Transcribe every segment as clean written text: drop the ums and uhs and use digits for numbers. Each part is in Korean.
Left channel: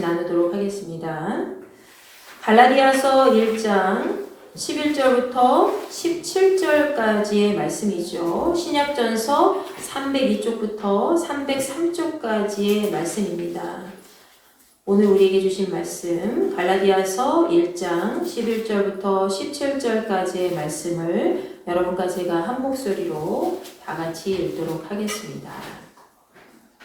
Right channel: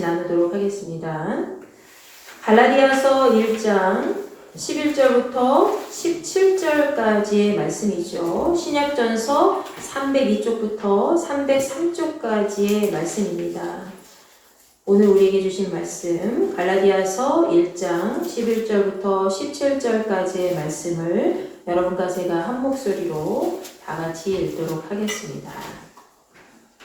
같이 나누도록 하겠습니다. 갈라디아서 1장 11절부터 17절까지의 말씀이죠. 신약전서 302쪽부터 303쪽까지의 말씀입니다. 오늘 우리에게 주신 말씀 갈라디아서 1장 11절부터 17절까지의 말씀을 여러분과 제가 한 목소리로 다 같이 읽도록 하겠습니다.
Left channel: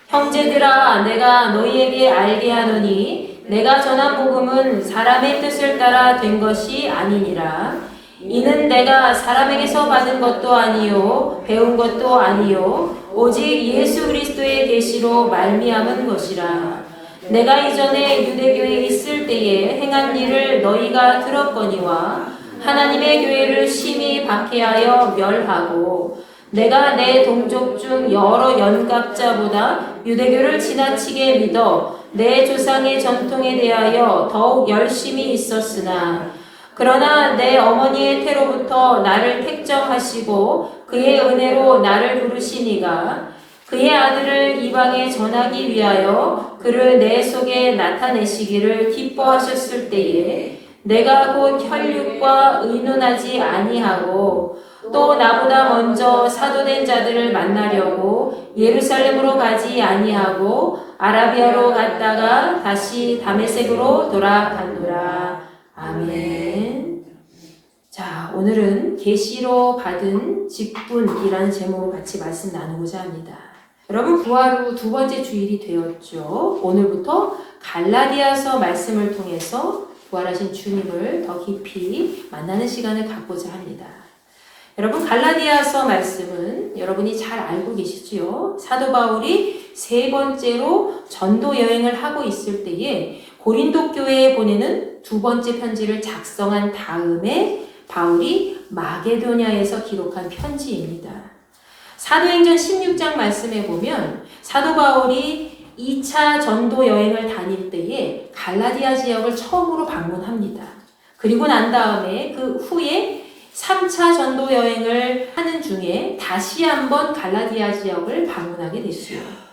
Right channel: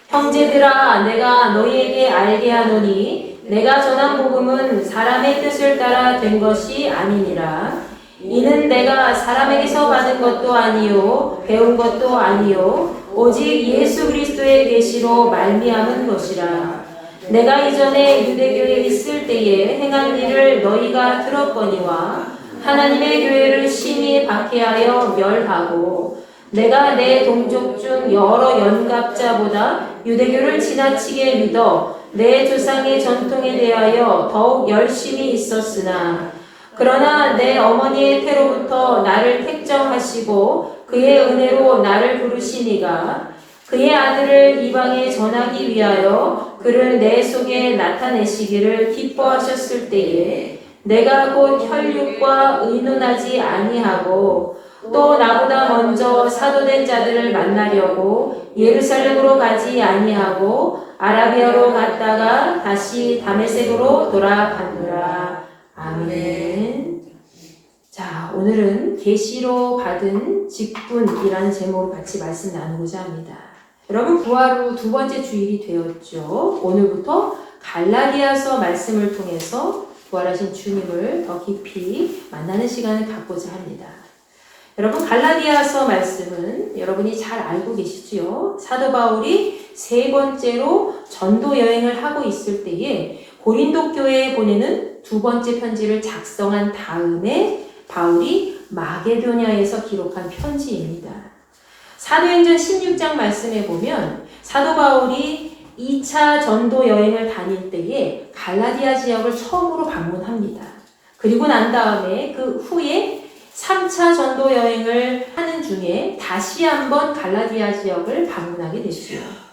형제들아, 내가 너희에게 알게 하노니 내가 전한 복음은 사람의 뜻을 따라 된 것이 아니니라. 이는 내가 사람에게서 받은 것도 아니요 배운 것도 아니요 오직 예수 그리스도의 계시로 말미암은 것이라. 내가 이전에 유대교에 있을 때에 행한 일을 너희가 들었거니와 하나님의 교회를 심히 박해하여 멸하고 내가 내 동족 중 여러 연갑자보다 유대교를 지나치게 믿어 내 조상의 전통에 대하여 더욱 열심히 있었으나 그러나 내 어머니의 태로부터 나를 택정하시고 그의 은혜로 나를 부르시니가 그의 아들을 이방에 전하기 위하여 그를 내 속에 나타내시기를 기뻐하셨을 때에 내가 곧 혈육과 의논하지 아니하고 또 나보다 먼저 사도된 자들을 만나려고 예루살렘으로 가지 아니하고 아라비아로 갔다가 다시 다메섹으로 돌아가노라. 아멘. 자, 오늘은 계시로 받은 직분이라는 제목으로 같이 말씀 나누고자 합니다. 여러분, 부활 후 두 번째 주일이 되었죠. 오늘부터 갈라디아서 말씀을 통해서 부활하신 주님을 더 깊이 만나는 시간을 갖고자 합니다. 여러분, 갈라디아서 말씀은 여러분이 잘 알고 계시지요. 사도 바울이 세 번째로 전도 여행을 하고 있을 때에 고린도 교회에 보내는 두 번째 편지를 작성한 다음에 바울이 마게도냐에서 기록한 편지입니다. 사도행전 16장 말씀에 보면 사도 바울이 2차 전도 여행을 다닐 때에 갈라디아 지역을 처음으로 방문합니다. 그리고 난 다음에 그 후에 3차 전도 여행을 하는 중에 다시 한번 갈라디아 지역을 방문하게 됐어요.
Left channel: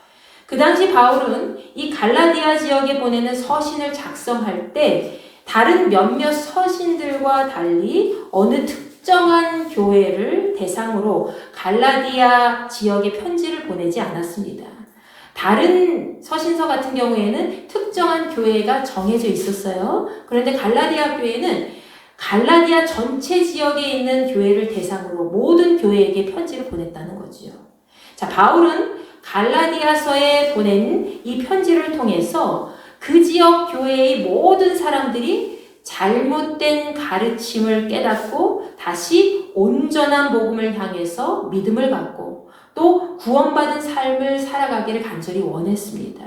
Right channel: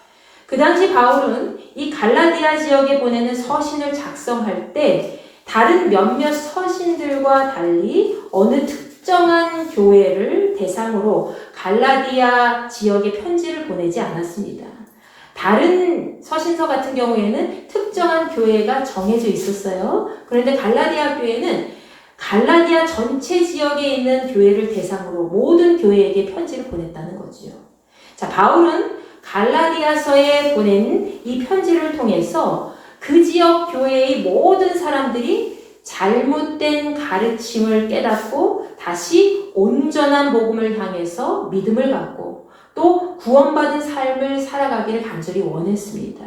그 당시 바울은 이 갈라디아 지역에 보내는 서신을 작성할 때 다른 몇몇 서신들과 달리 어느 특정한 교회를 대상으로 갈라디아 지역에 편지를 보내지 않았습니다. 다른 서신서 같은 경우에는 특정한 교회가 정해져 있었어요. 그런데 갈라디아 교회는 갈라디아 전체 지역에 있는 교회를 대상으로 모든 교회에게 편지를 보냈다는 거지요. 자, 바울은 갈라디아서에 보낸 이 편지를 통해서 그 지역 교회의 모든 사람들이 잘못된 가르침을 깨닫고 다시 온전한 복음을 향해서 믿음을 갖고 또 구원받은 삶을 살아가기를 간절히 원했습니다.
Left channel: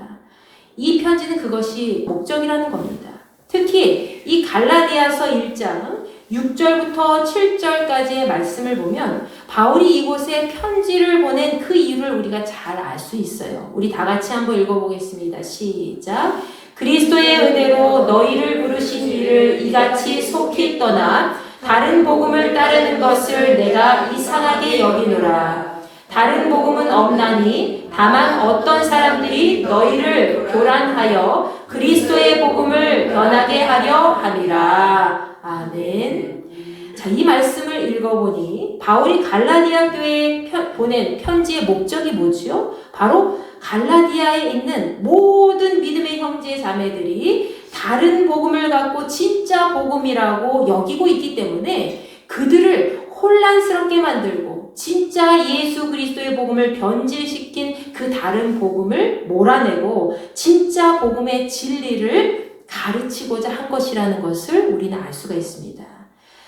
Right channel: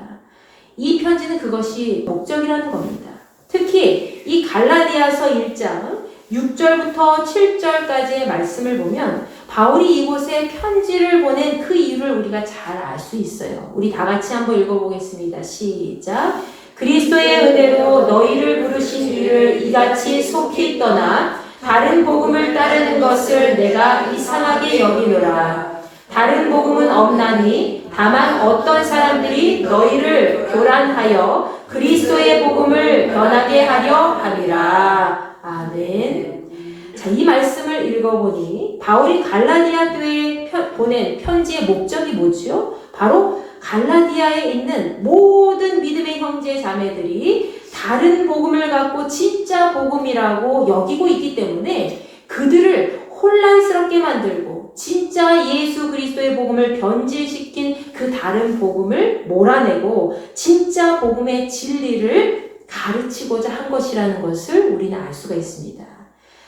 이 편지는 그것이 목적이라는 겁니다. 특히 이 갈라디아서 1장 6절부터 7절까지의 말씀을 보면 바울이 이곳에 편지를 보낸 그 이유를 우리가 잘 알 수 있어요. 우리 다 같이 한번 읽어보겠습니다. 시작. 그리스도의 은혜로 너희를 부르신 이를 이같이 속히 떠나 다른 복음을 따르는 것을 내가 이상하게 여기노라. 다른 복음은 없나니 다만 어떤 사람들이 너희를 교란하여 그리스도의 복음을 변하게 하려 함이라. 아멘. 자, 이 말씀을 읽어보니 바울이 갈라디아 교회에 보낸 편지의 목적이 뭐죠? 바로 갈라디아에 있는 모든 믿음의 형제 자매들이 다른 복음을 갖고 진짜 복음이라고 여기고 있기 때문에 그들을 혼란스럽게 만들고 진짜 예수 그리스도의 복음을 변질시킨 그 다른 복음을 몰아내고 진짜 복음의 진리를 가르치고자 한 것이라는 것을 우리는 알 수가 있습니다.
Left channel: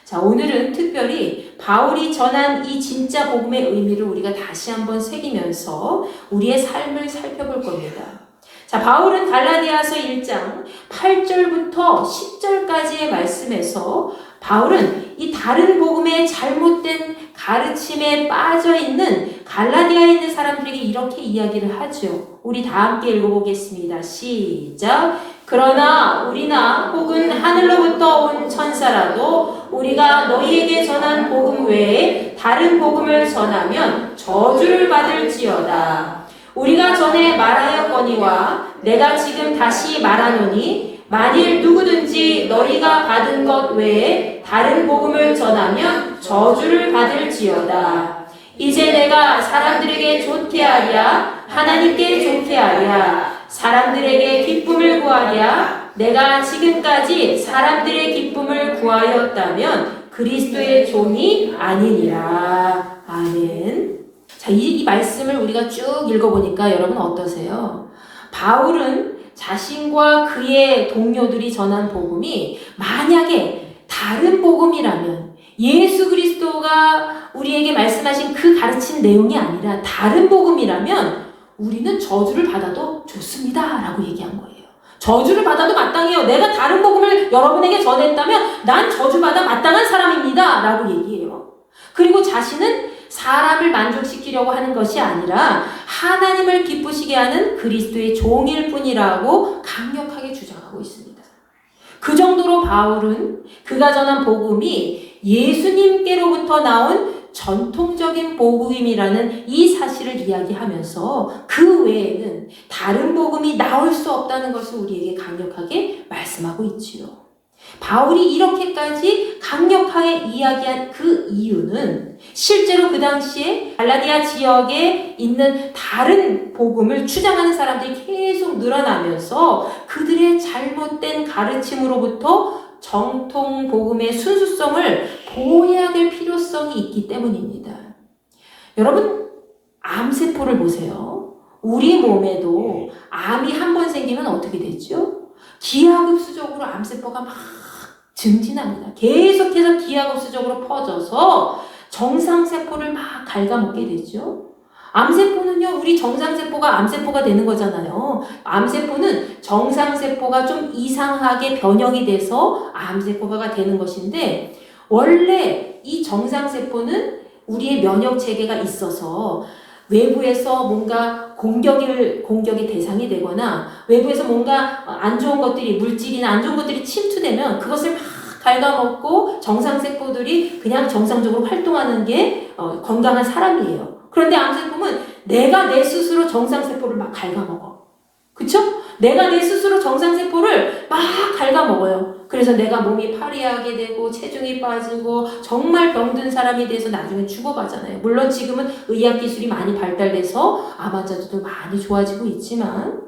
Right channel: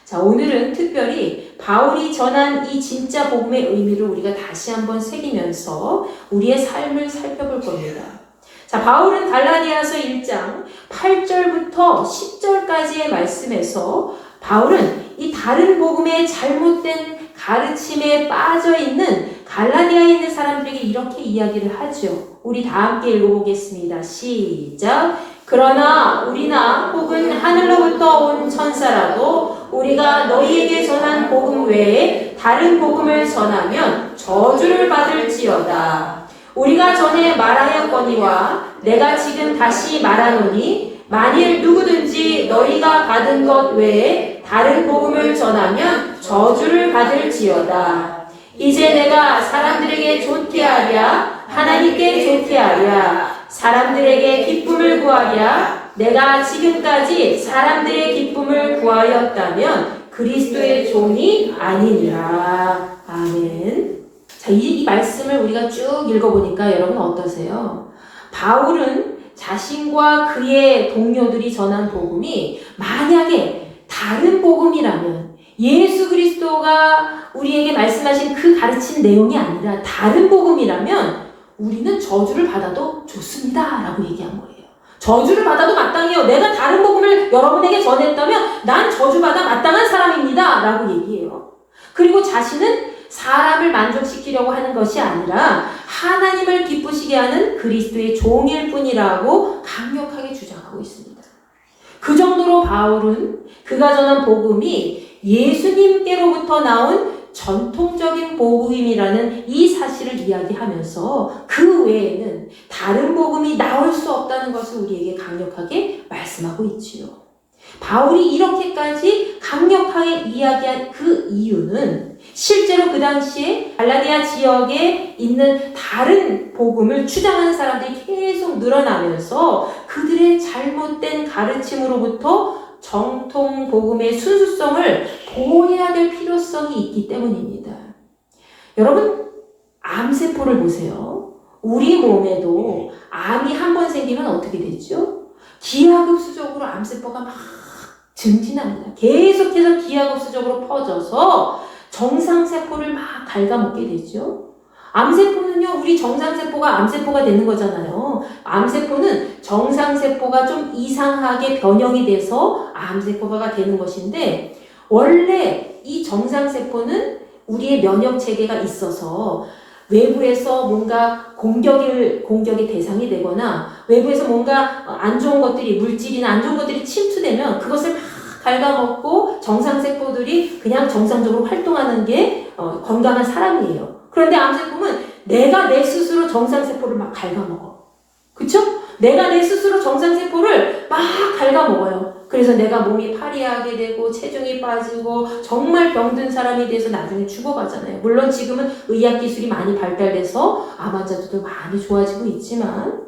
자, 오늘은 특별히 바울이 전한 이 진짜 복음의 의미를 우리가 다시 한번 새기면서 우리의 삶을 살펴볼 겁니다. 자, 바울은 갈라디아서 1장 8절부터 10절까지의 말씀에서 바울은 이 다른 복음의 잘못된 가르침에 빠져있는 갈라디아에 있는 사람들에게 이렇게 이야기를 하죠. 우리 다 함께 읽어보겠습니다. 시작. 그러나 우리나 혹은 하늘로부터 온 천사라도 우리가 너희에게 전한 복음 외에 다른 복음을 전하면 저주를 받을지어다. 우리가 전에 말하였거니와 내가 지금 다시 말하노니 만일 누구든지 너희가 받은 것 외에 다른 복음을 전하면 저주를 받을지어다. 이제 내가 사람들에게 좋게 하랴 하나님께 좋게 하랴 사람들에게 기쁨을 구하랴 내가 지금까지 사람들의 기쁨을 구하였다면 그리스도의 종이 아니니라. 아멘. 자, 이 말씀을 우리가 쭉 읽어보니까 여러분 어떠세요? 바울은 자신과 그의 동료들이 전한 복음이 만약에 다른 복음이라면 예수 그리스도가 우리에게 말씀하신 그 가르친 내용이 아니라 다른 복음이라면 우리는 저주를 받아도 좋습니다 라고 얘기한 거예요. 저주를 받아도 마땅해요. 내가 다른 복음을 여러분에게 전했다면 난 저주받아 마땅한 사람입니다 라고 얘기해요. 그리고 자신은 사람을 만족시키려고 하는 것이 아니라 하나님을 기쁘시게 하는 그리스도의 종일 뿐이라고 강력하게 주장하고 있습니다. 그 정도로 바울은 그가 전한 복음이 예수님께로부터 나온 전통적인 복음이라는 이 사실을 이야기하면서 그 외에는 다른 복음이 나올 수 없다는 것을 우리에게 강력하게 말씀하고 있지요. 바울이 이렇게까지 강력하게 이야기한 그 이유는 실제로 그 당시에 갈라디아 지역에 있는 다른 복음을 주장하는 사람들이 계속 늘어나면서 그들의 잘못된 가르침으로부터 정통 복음의 순수성을 보호해야 될 필요성이 있기 때문입니다. 여러분, 암세포를 보세요. 우리 몸에도 암이 한 번 생기면 어떻게 되죠? 기하급수적으로 암세포가 막 증진합니다. 계속해서 기하급수적으로 퍼져서 정상세포를 막 갉아먹게 되죠. 암세포는요, 우리 정상세포가 암세포가 되는 거잖아요. 암세포는 정상세포가 좀 이상하게 변형이 돼서 암세포가 되는 것인데, 원래 이 정상세포는 우리의 면역체계가 있어서 외부에서 뭔가 공격의 대상이 되거나 외부에서 뭔가 안 좋은 것들이, 물질이나 안 좋은 것들이 침투되면 그것을 막 갉아먹고 정상세포들이 그냥 정상적으로 활동하는 게 건강한 사람이에요. 그런데 암세포는 내가 내 스스로 정상세포를 막 갉아먹어. 그쵸? 내가 내 스스로 정상세포를 막 갉아먹어요. 그래서 내가 몸이 파리하게 되고 체중이 빠지고 정말 병든 사람이 돼서 나중에 죽어가잖아요. 물론 지금은 의학기술이 많이 발달돼서 암 환자들도 많이 좋아지고 있지만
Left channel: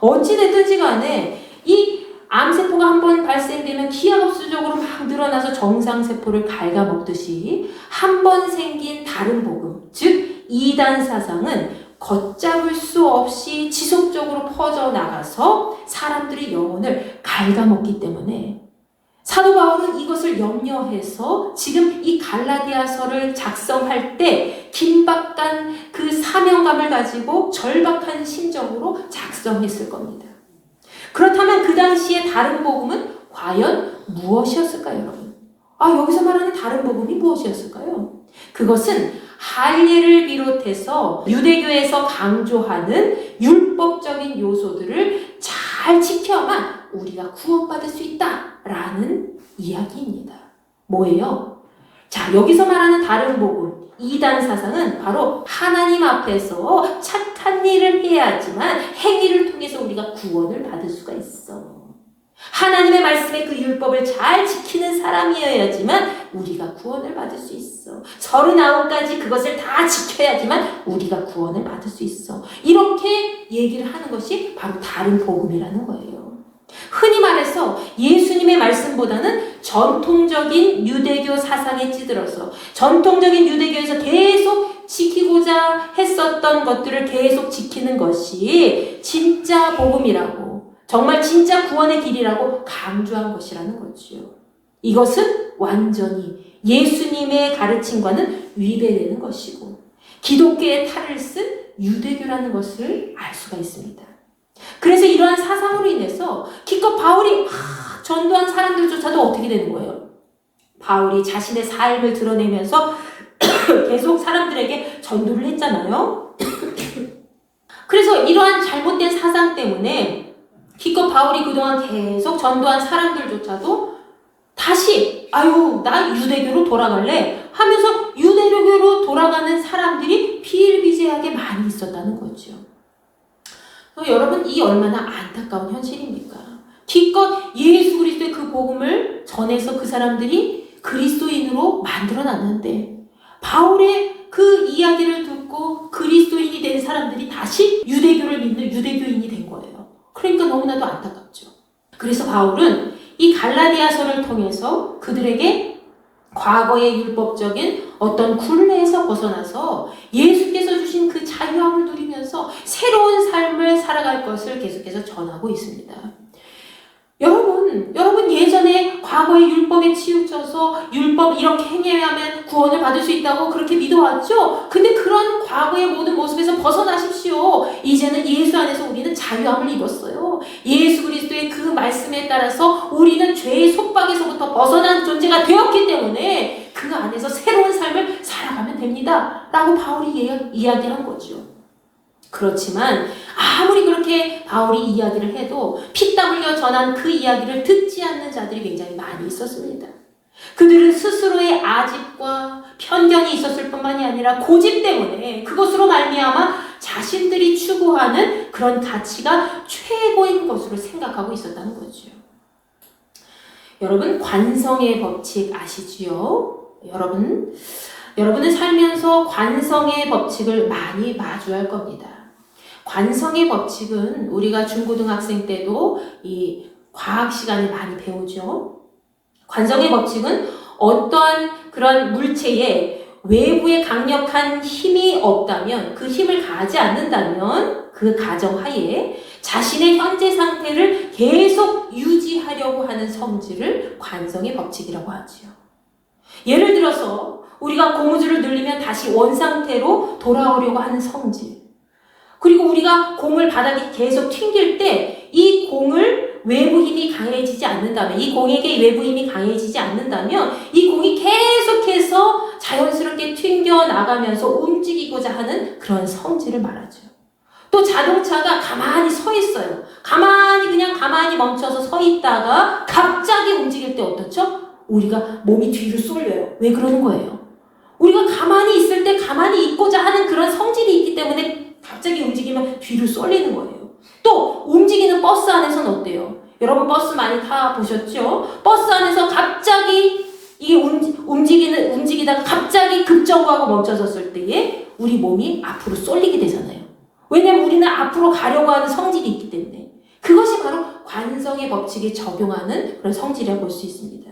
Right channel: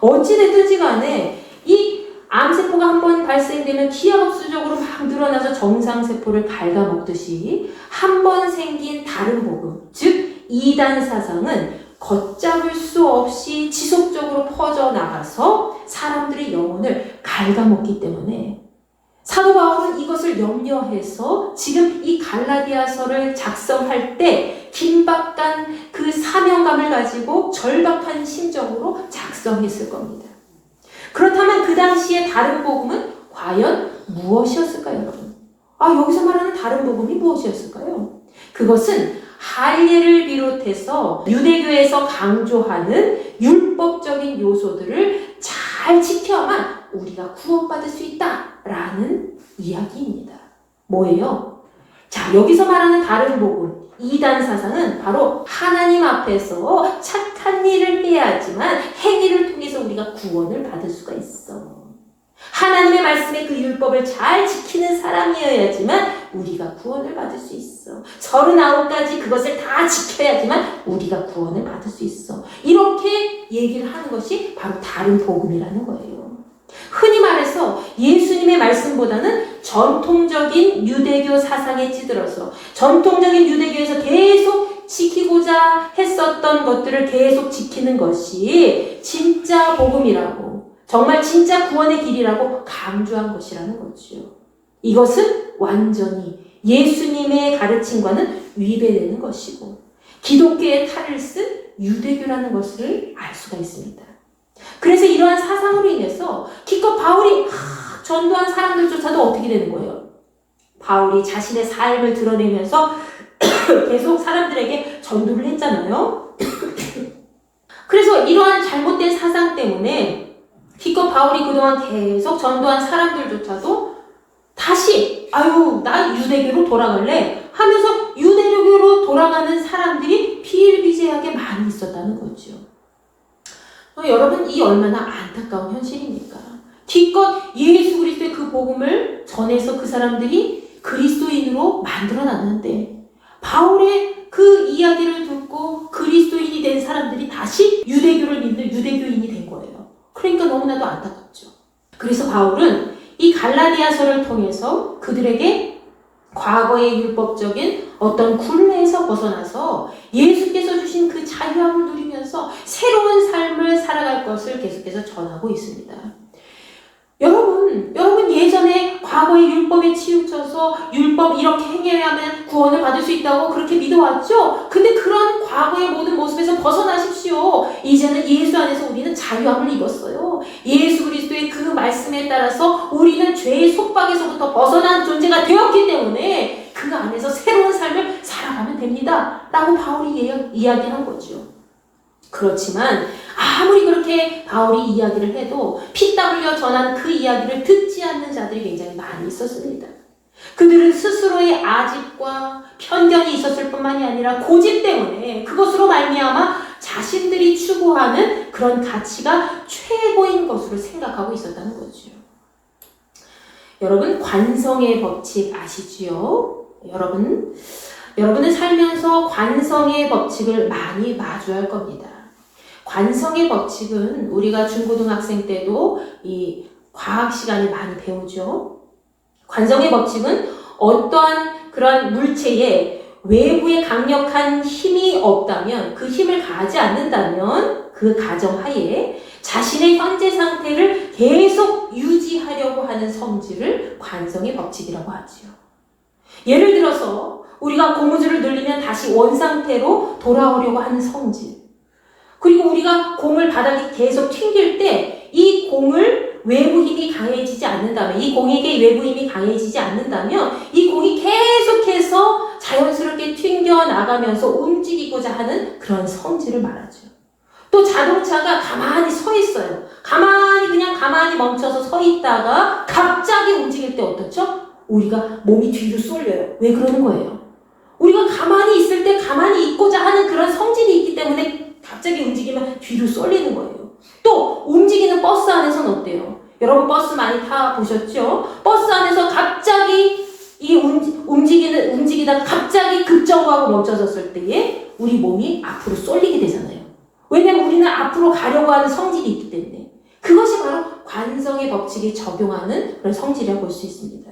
어찌됐든지 간에 이 암세포가 한번 발생되면 기하급수적으로 막 늘어나서 정상세포를 갉아먹듯이 한 번 생긴 다른 복음, 즉 이단 사상은 걷잡을 수 없이 지속적으로 퍼져나가서 사람들의 영혼을 갉아먹기 때문에 사도 바울은 이것을 염려해서 지금 이 갈라디아서를 작성할 때 긴박한 그 사명감을 가지고 절박한 심정으로 작성했을 겁니다. 그렇다면 그 당시에 다른 복음은 과연 무엇이었을까요, 여러분? 여기서 말하는 다른 복음이 무엇이었을까요? 그것은 할례를 비롯해서 유대교에서 강조하는 율법적인 요소들을 잘 지켜야만 우리가 구원받을 수 있다라는 이야기입니다. 뭐예요? 자, 여기서 말하는 다른 복음, 이단 사상은 바로 하나님 앞에서 착한 일을 해야지만 행위를 통해서 우리가 구원을 받을 수가 있어. 하나님의 말씀의 그 율법을 잘 지키는 사람이어야지만 우리가 구원을 받을 수 있어. 39가지 그것을 다 지켜야지만 우리가 구원을 받을 수 있어. 이렇게 얘기를 하는 것이 바로 다른 복음이라는 거예요. 흔히 말해서 예수님의 말씀보다는 전통적인 유대교 사상에 찌들어서 전통적인 유대교에서 계속 지키고자 했었던 것들을 계속 지키는 것이 진짜 복음이라고, 정말 진짜 구원의 길이라고 강조한 것이라는 거지요. 이것은 완전히 예수님의 가르침과는 위배되는 것이고 기독교의 탈을 쓴 유대교라는 것을 알 수가 있습니다. 그래서 이러한 사상으로 인해서 기껏 바울이 전도한 사람들조차도 어떻게 되는 거예요? 바울이 자신의 삶을 드러내면서 계속 사람들에게 전도를 했잖아요. 그래서 이러한 잘못된 사상 때문에 기껏 바울이 그동안 계속 전도한 사람들조차도 다시 나 유대교로 돌아갈래 하면서 유대교로 돌아가는 사람들이 비일비재하게 많이 있었다는 거죠. 여러분, 이 얼마나 안타까운 현실입니까? 기껏 예수 그리스도의 그 복음을 전해서 그 사람들이 그리스도인으로 만들어놨는데 바울의 그 이야기를 듣고 그리스도인이 된 사람들이 다시 유대교를 믿는 유대교인이 된 거예요. 그러니까 너무나도 안타깝죠. 그래서 바울은 이 갈라디아서를 통해서 그들에게 과거의 율법적인 어떤 굴레에서 벗어나서 예수께서 주신 그 자유함을 누리면서 새로운 삶을 살아갈 것을 계속해서 전하고 있습니다. 여러분 예전에 과거의 율법에 치우쳐서 율법 이렇게 행해야 하면 구원을 받을 수 있다고 그렇게 믿어왔죠? 근데 그런 과거의 모든 모습에서 벗어나십시오. 이제는 예수 안에서 우리는 자유함을 입었어요. 예수 그리스도의 그 말씀에 따라서 우리는 죄의 속박에서부터 벗어난 존재가 되었기 때문에 그 안에서 새로운 삶을 살아가면 됩니다. 라고 바울이 이야기를 한 거죠. 그렇지만 아무리 그렇게 바울이 이야기를 해도 피땀 흘려 전한 그 이야기를 듣지 않는 자들이 굉장히 많이 있었습니다. 그들은 스스로의 아집과 편견이 있었을 뿐만이 아니라 고집 때문에 그것으로 말미암아 자신들이 추구하는 그런 가치가 최고인 것으로 생각하고 있었다는 거죠. 여러분, 관성의 법칙 아시지요? 여러분은 살면서 관성의 법칙을 많이 마주할 겁니다. 관성의 법칙은 우리가 중고등학생 때도 이 과학 시간에 많이 배우죠. 관성의 법칙은 어떠한 그런 물체에 외부에 강력한 힘이 없다면, 그 힘을 가하지 않는다면 그 가정하에 자신의 현재 상태를 계속 유지하려고 하는 성질을 관성의 법칙이라고 하지요. 예를 들어서 우리가 고무줄을 늘리면 다시 원상태로 돌아오려고 하는 성질, 그리고 우리가 공을 바닥에 계속 튕길 때 이 공을 외부 힘이 강해지지 않는다면, 이 공에게 외부 힘이 강해지지 않는다면 이 공이 계속해서 자연스럽게 튕겨 나가면서 움직이고자 하는 그런 성질을 말하죠. 또 자동차가 가만히 서 있어요. 가만히 멈춰서 서 있다가 갑자기 움직일 때 어떻죠? 우리가 몸이 뒤로 쏠려요. 왜 그러는 거예요? 우리가 가만히 있을 때 가만히 있고자 하는 그런 성질이 있기 때문에 갑자기 움직이면 뒤로 쏠리는 거예요. 또 움직이는 버스 안에서는 어때요? 여러분 버스 많이 타보셨죠? 버스 안에서 갑자기 이 움직이다가 갑자기 급정거하고 멈춰졌을 때에 우리 몸이 앞으로 쏠리게 되잖아요. 왜냐면 우리는 앞으로 가려고 하는 성질이 있기 때문에. 그것이 바로 관성의 법칙에 적용하는 그런 성질이라고 볼 수 있습니다.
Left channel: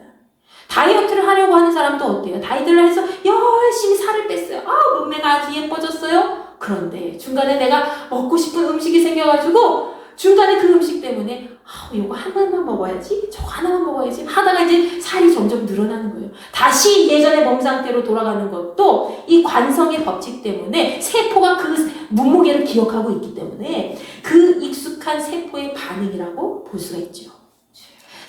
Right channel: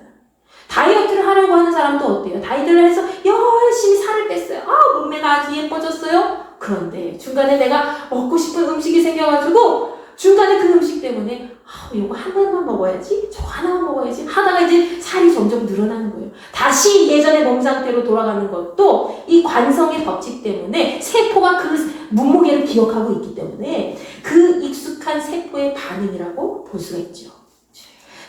다이어트를 하려고 하는 사람도 어때요? 다이어트를 해서 열심히 살을 뺐어요. 몸매가 아주 예뻐졌어요. 그런데 중간에 내가 먹고 싶은 음식이 생겨가지고 중간에 그 음식 때문에 이거 하나만 먹어야지, 저거 하나만 먹어야지 하다가 이제 살이 점점 늘어나는 거예요. 다시 예전의 몸 상태로 돌아가는 것도 이 관성의 법칙 때문에 세포가 그 몸무게를 기억하고 있기 때문에 그 익숙한 세포의 반응이라고 볼 수가 있죠.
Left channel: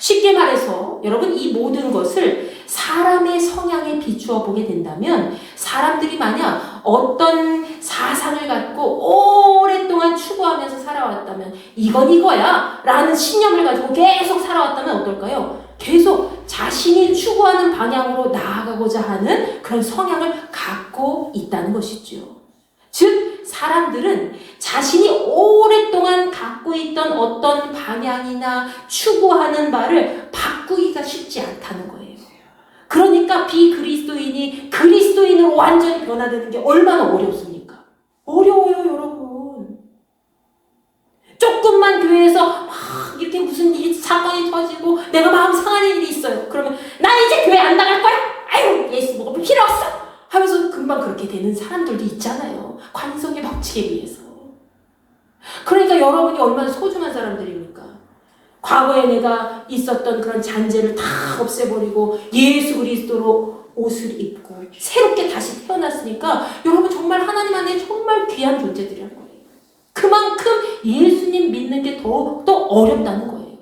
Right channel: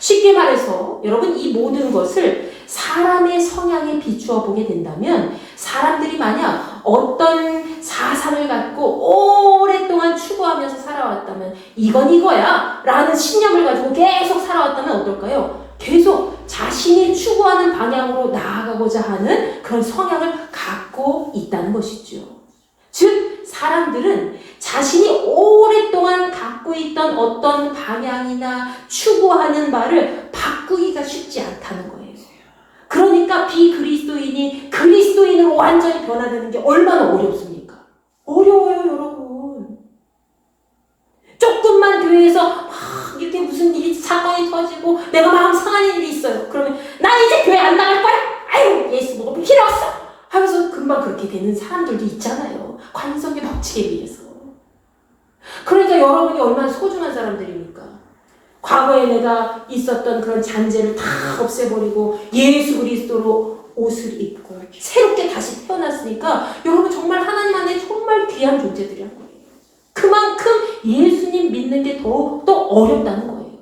쉽게 말해서 여러분, 이 모든 것을 사람의 성향에 비추어 보게 된다면, 사람들이 만약 어떤 사상을 갖고 오랫동안 추구하면서 살아왔다면, 이건 이거야 라는 신념을 가지고 계속 살아왔다면 어떨까요? 계속 자신이 추구하는 방향으로 나아가고자 하는 그런 성향을 갖고 있다는 것이죠. 즉 사람들은 자신이 오랫동안 갖고 있던 어떤 방향이나 추구하는 바를 바꾸기가 쉽지 않다는 거예요. 그러니까 비그리스도인이 그리스도인으로 완전히 변화되는 게 얼마나 어렵습니까? 어려워요, 여러분. 조금만 교회에서 막 이렇게 무슨 일이 사건이 터지고 내가 마음 상하는 일이 있어요. 그러면 난 이제 교회 안 나갈 거야. 아유, 예수 먹을 필요 없어 하면서 금방 그렇게 되는 사람들도 있잖아요. 관성의 법칙에 의해서. 그러니까 여러분이 얼마나 소중한 사람들입니까? 과거에 내가 있었던 그런 잔재를 다 없애버리고 예수 그리스도로 옷을 입고 새롭게 다시 태어났으니까 여러분 정말 하나님 안에 정말 귀한 존재들이라는 거예요. 그만큼 예수님 믿는 게 더욱더 어렵다는 거예요.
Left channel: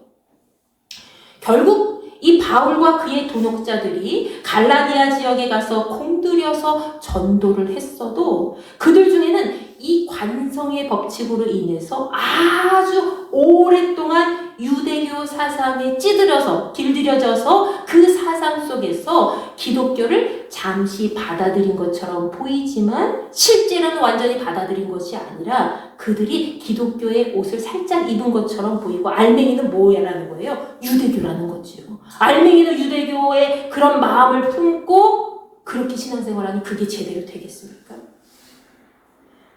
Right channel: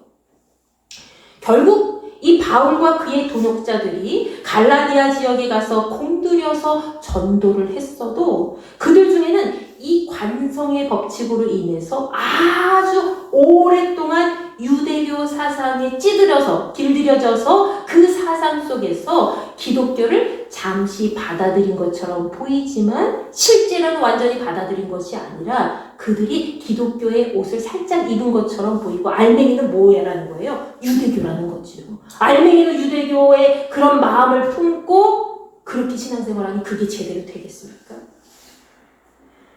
결국 이 바울과 그의 동역자들이 갈라디아 지역에 가서 공들여서 전도를 했어도 그들 중에는 이 관성의 법칙으로 인해서 아주 오랫동안 유대교 사상에 길들여져서 그 사상 속에서 기독교를 잠시 받아들인 것처럼 보이지만 실제로는 완전히 받아들인 것이 아니라 그들이 기독교의 옷을 살짝 입은 것처럼 보이고 알맹이는 뭐라는 거예요? 유대교라는 거죠. 알맹이는 유대교의 그런 마음을 품고 그렇게 신앙생활하니 그게 제대로 되겠습니까?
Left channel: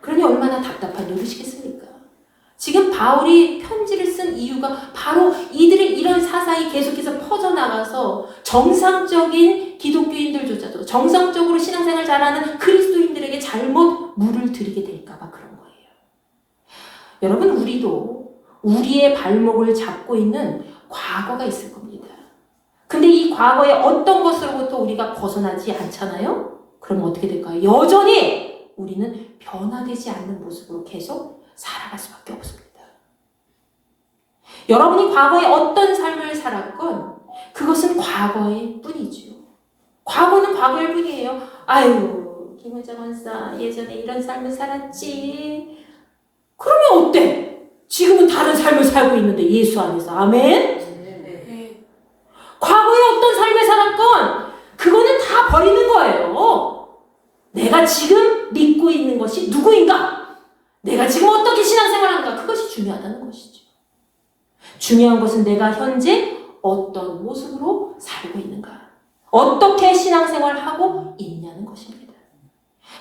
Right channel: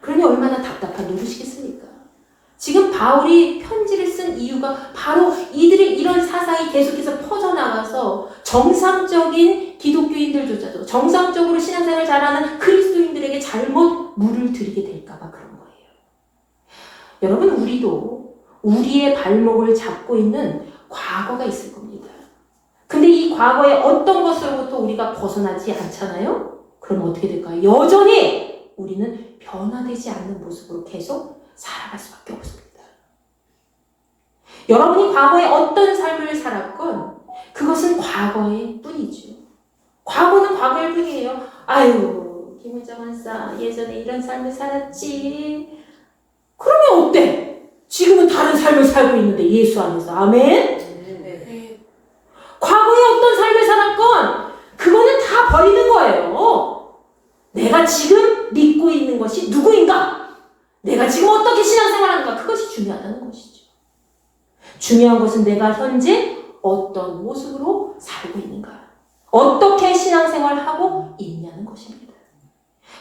그러니 얼마나 답답한 노릇이겠습니까? 지금 바울이 편지를 쓴 이유가 바로 이들의 이런 사상이 계속해서 퍼져나가서 정상적인 기독교인들조차도 정상적으로 신앙생활 잘하는 그리스도인들에게 잘못 물을 들이게 될까봐 그런 거예요. 여러분, 우리도 우리의 발목을 잡고 있는 과거가 있을 겁니다. 근데 이 과거의 어떤 것으로부터 우리가 벗어나지 않잖아요? 그럼 어떻게 될까요? 여전히 우리는 변화되지 않는 모습으로 계속 살아갈 수밖에 없습니다. 여러분이 과거에 어떤 삶을 살았건 그것은 과거의 뿐이죠. 과거는 과거일 뿐이에요. 아유, 김은정 원사 예전에 이런 삶을 살았지. 그러면 어때? 지금은 다른 삶을 살고 있는데 예수 안에서. 아멘? 네. 과거에 어떤 삶을 살았건 그거는 다 버리는 거예요. 내가 지금 믿고 있는 것이 누구인가? 내가 지금 어떻게 신앙생활하는가? 그것이 중요하다는 것이죠. 중요한 것은 내가 현재 어떤 모습으로 살고 있는가? 어떻게 신앙생활을 하고 있냐는 것입니다.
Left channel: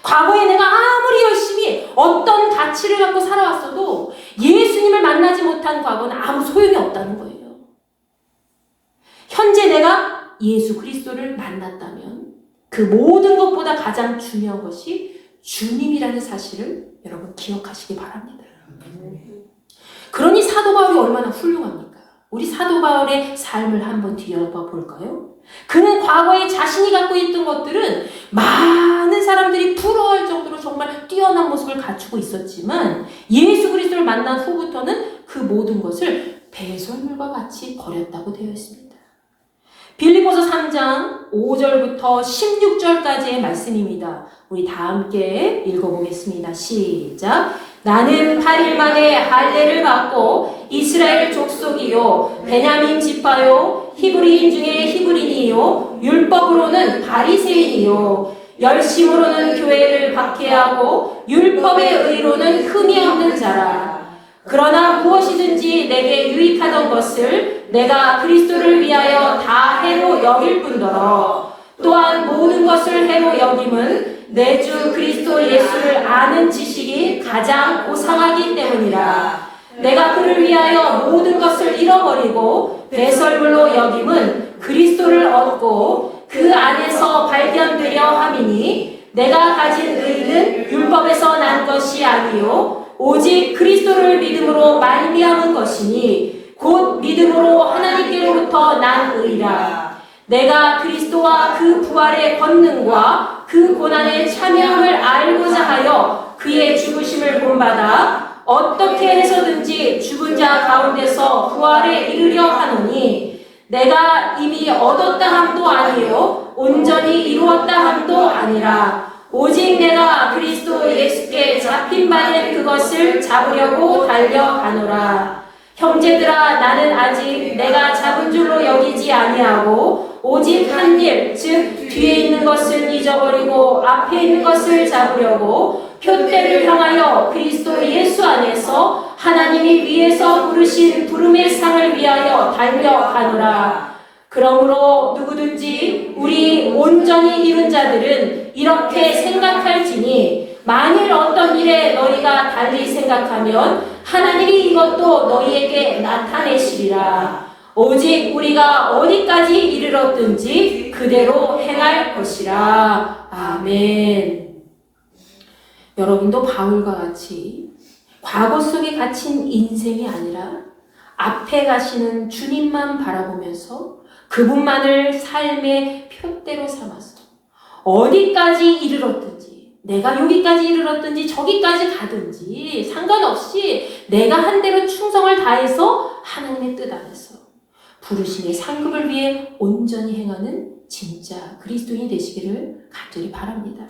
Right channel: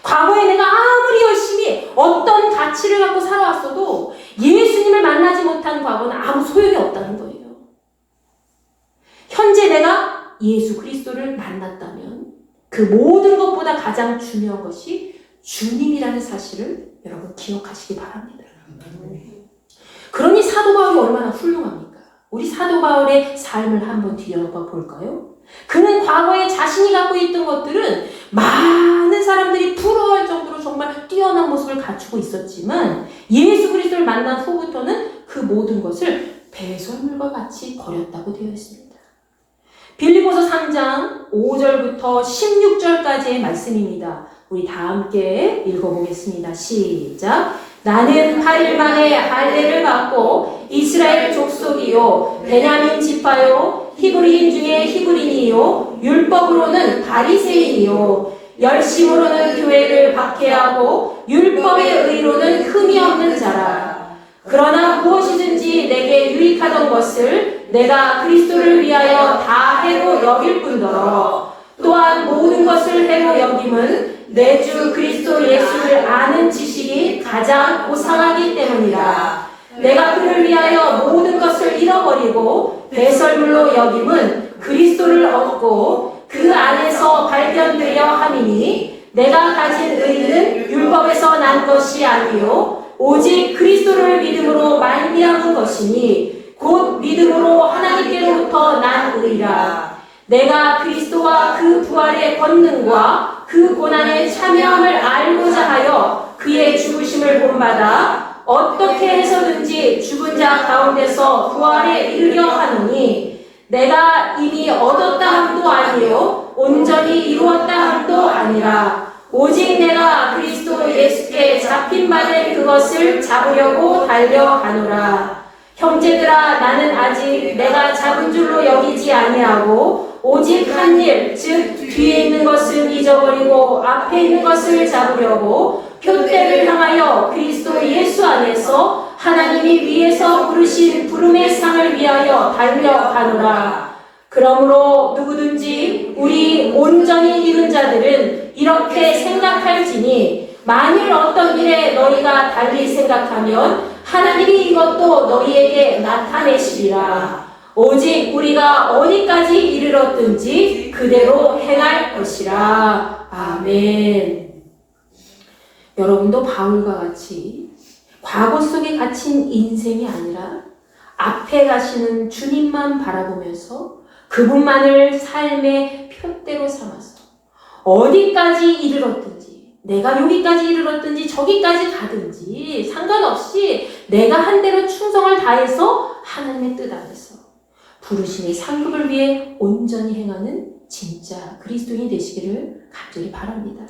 과거에 내가 아무리 열심히 어떤 가치를 갖고 살아왔어도 예수님을 만나지 못한 과거는 아무 소용이 없다는 거예요. 현재 내가 예수 그리스도를 만났다면 그 모든 것보다 가장 중요한 것이 주님이라는 사실을 여러분 기억하시기 바랍니다. 그러니 사도 바울이 얼마나 훌륭합니까? 우리 사도 바울의 삶을 한번 뒤져봐 볼까요? 그는 과거에 자신이 갖고 있던 것들은 많은 사람들이 부러워할 정도로 정말 뛰어난 모습을 갖추고 있었지만 예수 그리스도를 만난 후부터는 그 모든 것을 배설물과 같이 버렸다고 되어 있습니다. 빌립보서 3장 5절부터 16절까지의 말씀입니다. 우리 다 함께 읽어보겠습니다. 시작. 나는 8일 만에 할례를 받고 이스라엘 족속이요 베냐민 지파요 히브리인 중에 히브리인이요 율법으로는 바리새인이요 열심으로는 교회를 박해하고 율법의 의로는 흠이 없는 자라. 그러나 무엇이든지 내게 유익하던 것을 내가 그리스도를 위하여 다 해로 여길 뿐더러 또한 모든 것을 해로 여김은 내 주 그리스도 예수를 아는 지식이 가장 고상하기 때문이라. 내가 그를 위하여 모든 것을 잃어버리고 배설물로 여김은 그리스도를 얻고 그 안에서 발견되려 함이니 내가 가진 의는 율법에서 난 것이 아니요 오직 그리스도를 믿음으로 말미암은 것이니 곧 믿음으로 하나님께로부터 난 의라. 내가 그리스도와 그 부활의 권능과 그 고난의 참여함을 알고자 하여 그의 죽으심을 본받아 어떻게 해서든지 죽은 자 가운데서 부활에 이르려 하노니 내가 이미 얻었다 함도 아니요 온전히 이루었다 함도 아니라 오직 내가 그리스도 예수께 잡힌 바는 그것을 잡으려고 달려가노라. 형제들아, 나는 아직 내가 잡은 줄로 여기지 아니하고 오직 한 일, 즉 뒤에 있는 것을 잊어버리고 앞에 있는 것을 잡으려고 표대를 향하여 그리스도 예수 안에서 하나님이 위에서 부르신 부름의 상을 위하여 달려가노라. 그러므로 누구든지 우리 온전히 이룬 자들은 이렇게 생각할지니 만일 어떤 일에 너희가 달리 생각하면 하나님이 이것도 너희에게 나타내시리라. 오직 우리가 어디까지 이르렀든지 그대로 행할 것이라. 아멘. 여러분도 바울과 같이 과거 속에 갇힌 인생이 아니라 앞에 가시는 주님만 바라보면서 그분만을 삶의 표대로 삼아서 어디까지 이르렀든지 내가 여기까지 이르렀든지 저기까지 가든지 상관없이 내가 한 대로 충성을 다해서 하나님의 뜻 안에서 부르심의 상급을 위해 온전히 행하는 진짜 그리스도인이 되시기를 간절히 바랍니다.